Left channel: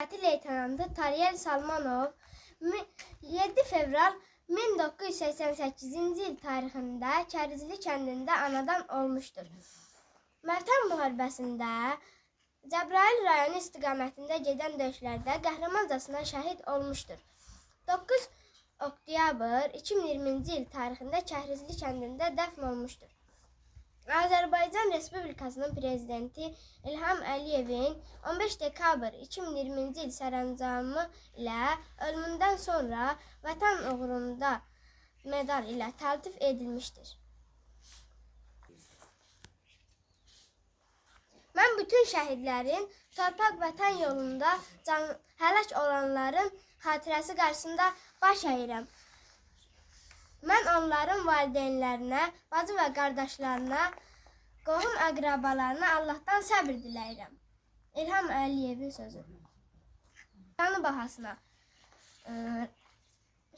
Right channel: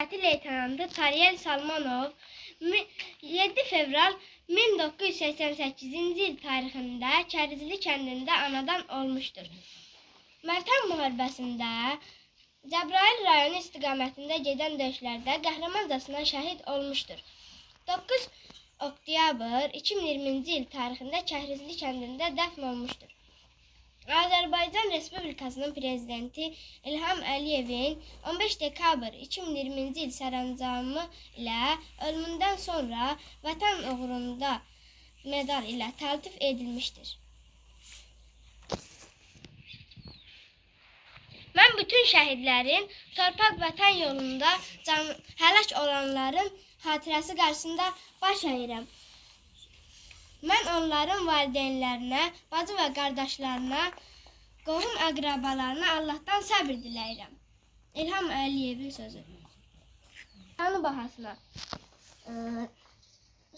Hərbi leytenantı Tariyel Salmanov mi- 7 fevral 1988-ci il tarixində Kərizli kəndində anadan olmuşdur. Vətən müharibəsində Cəbrayıl rayonu istiqamətində gedən döyüşlərdə qəhrəmancasına şəhid olmuşdur. 9 oktyabr 2020-ci il tarixində Kərizli kəndində dəfn olmuşdur. Azərbaycan Respublikasının prezidenti İlham Əliyevin 15 dekabr 2020-ci il sərəncamı ilə ölümündən sonra Vətən uğrunda medal ilə təltif edilmişdir. Mən bütün şəhidlərin torpaq vətən yolunda can həlak olanların xatirəsi qarşısında baş əyirəm. Mən onların valideynlərinə, bacı və qardaşlarına, qohum əqrabalarına Allahdan səbr diləyirəm. İlham Əliyevin sözü. Canı bahasına.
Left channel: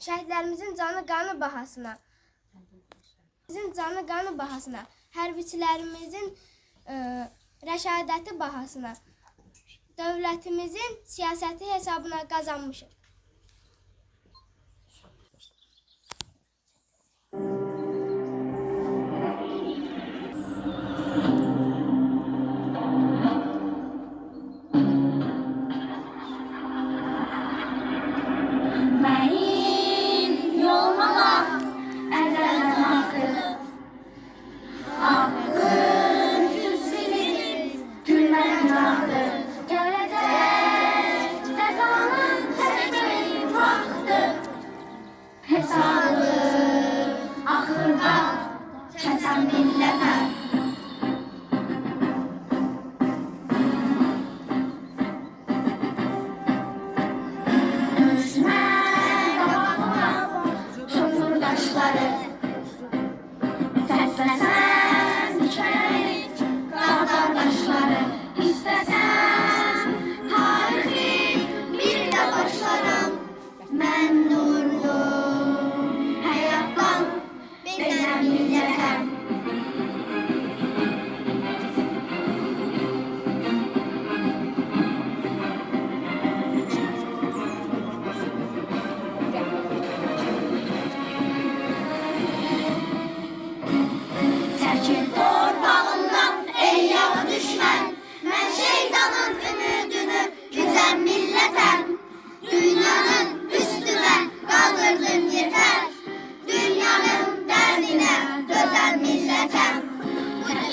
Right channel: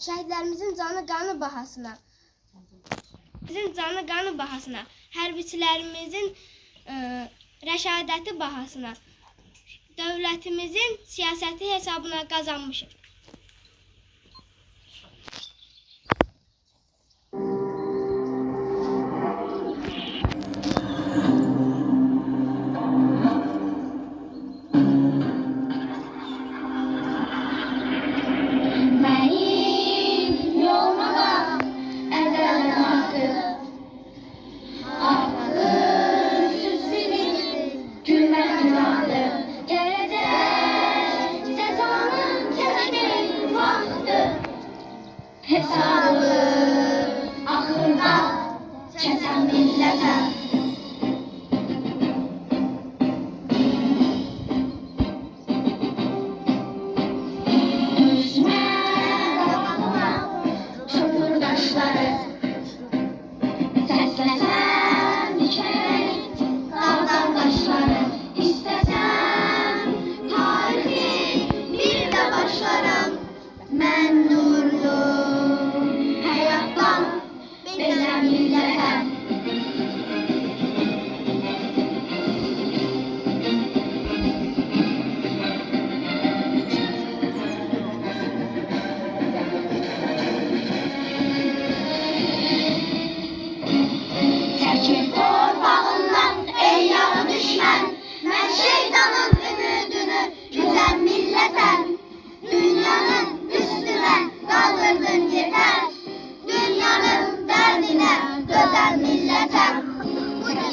Şəhidlərimizin canı qanı bahasına. Bizim canı qanı bahasına. Hərbiçilərimizin rəşadəti bahasına. Dövlətimizin siyasəti hesabına qazanmışıq.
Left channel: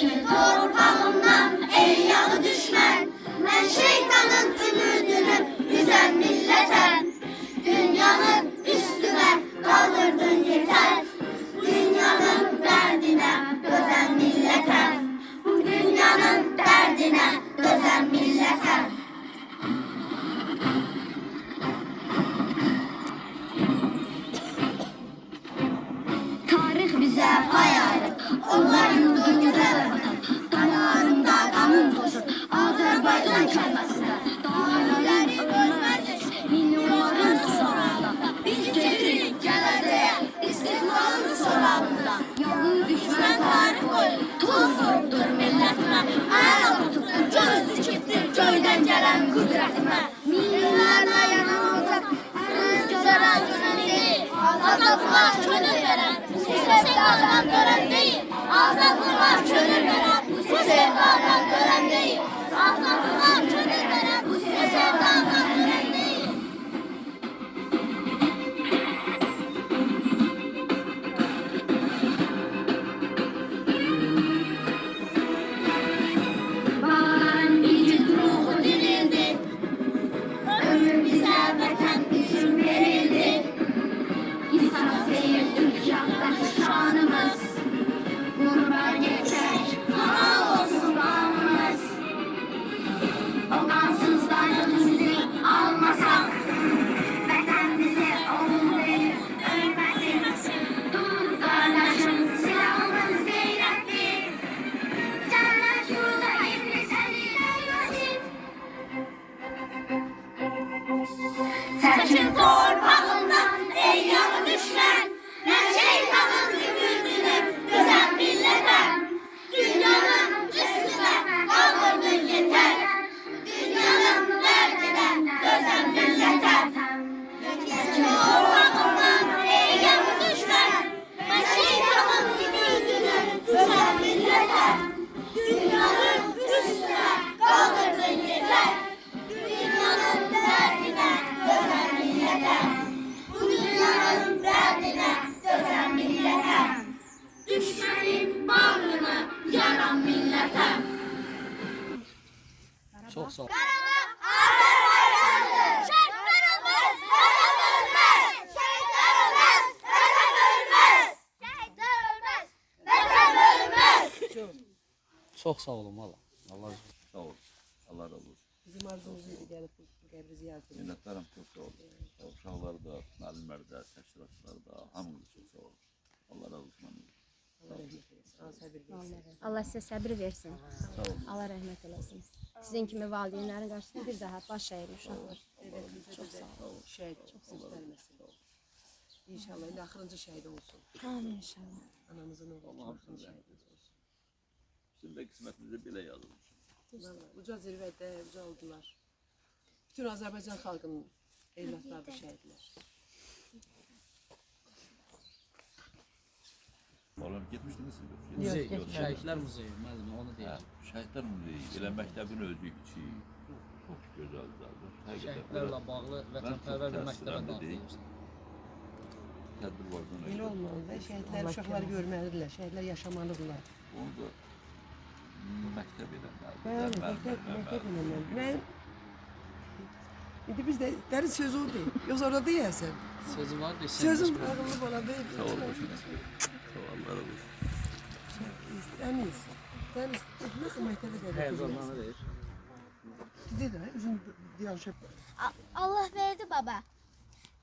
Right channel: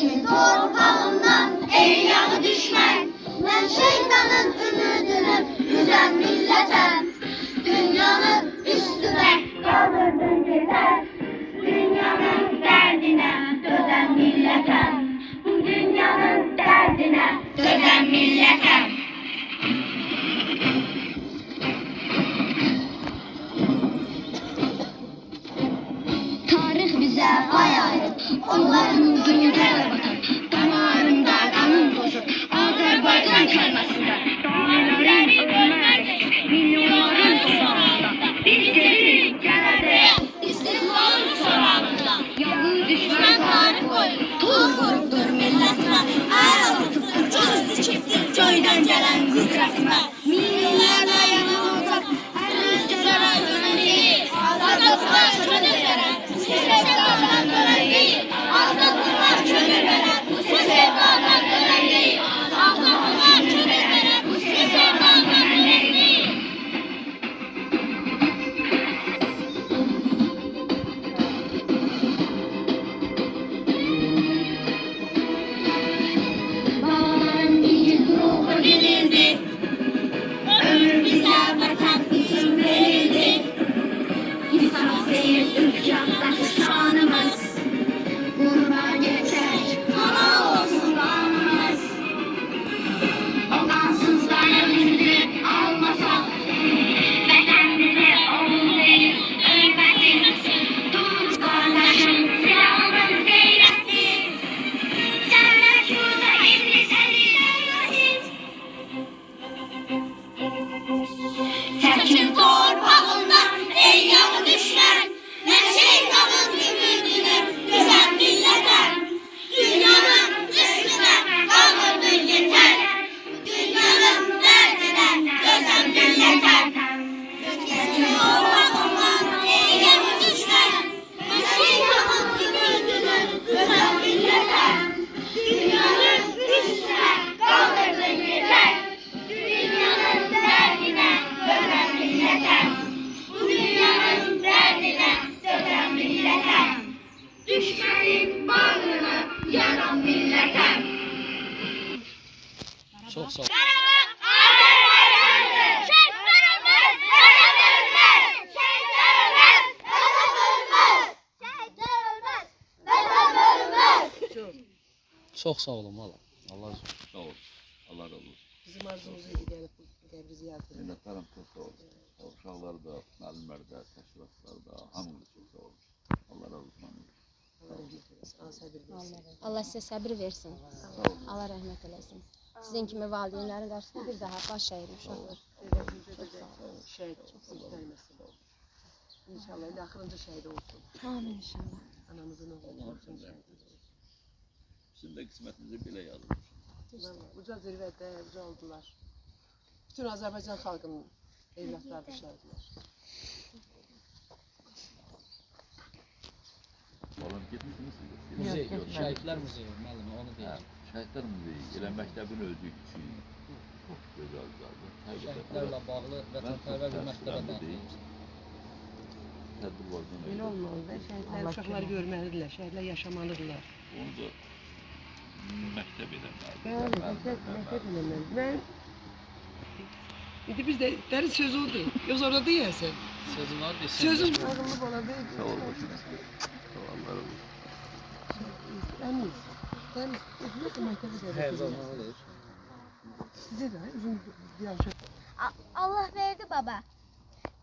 Çekil torpağından ey yağı düşman Ben şeytanın ümidini üstüne dözen millete. Dünyanın millete. Tarih bize All I do Çekil torpağından ey yağı düşman Ne şeytanın ümidini Çok sağ olun valla. Allah razı olsun. Sağ olun. Allah razı olsun. Bizim arzumuzuydu gelip qəbri ziyarət etmək. Minnettarım çok sağ olun. Uşaqları da, müəllimləri də, təşkilatçıları da, hamınız çok sağ olun. Allah razı olsun. Allah sizə səbir versin. Allah rəhmət eləsin. Sizin kimi valideynlərin qarşısında bir daha baş əyir uşaqlar. Şəhid göstərməsin. İnşallah axırıncı şəhid olsun. Amin inşallah. Anamızın oğlu şəhid olsun. Bizim de kısmetimize bile yazılmış. Vallahi uca zirvədə uca oldular. Bütün Azərbaycan xalqının evlatları da şəhidlər. Oğlum gitmişsiniz siz. Muzey, Yok, yok. Şəhidlər muzeyi müəllimə onu deyir. Şəhidlər muzeyi. Elə məktəbin özü kiçik. Gözəl güzeldir. Həqiqətən Şəhidlərlə bağlı vətənpərvər bir məktəbə daxil tədbir var. Belə olmalıdır. Şəhidlər uşaqlar görməlidirlər, şəhidlər yaşamalıdırlar. Onu da Bəli, məktəb, məktəb eləməli. Mən İndi biz də dərin söz odur. Yox orada deyəsən. Sözüm var desin. Sözüm oğlunu bana deyil. Sağ ol başına. Sağ ol Allah razı olsun. Təmiz. Təmiz. Nasıl məktəbə də Həyəcanlı deyir. Bizə də bizim diyaşıq. A- Allah verdi baba.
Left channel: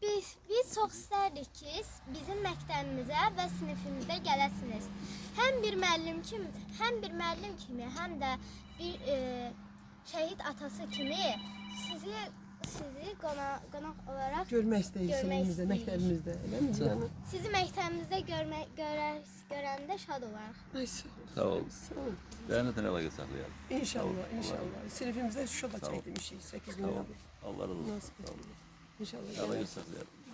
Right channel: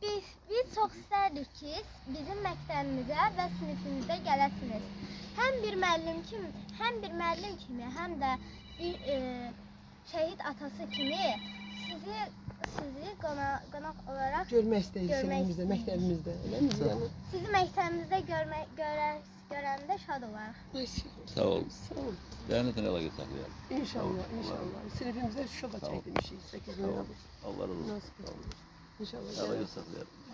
Biz biz çox istərdik ki, bizim məktəbimizə və sinifimizə gələsiniz. Həm bir müəllim kimi, həm bir müəllim kimi, həm də bir e, şəhid atası kimi sizi sizi qonaq qonaq olaraq Görmək istəyirik istəyirik. məktəbimizdə. Eləmi? Sizi məktəbimizdə görmə, görər, görəndə şad olarıq. Ay, sağ ol. Sağ ol. Lənətən əlaqə saxlayalım. İnşallah, Allah inşallah. Sinifimizdə Şuşada Sağ ol. çəkdirmişik 8 Sağ ol. min. Allah razı olsun. Sağ ol. İnşallah. Gələrsən. saxlayalım.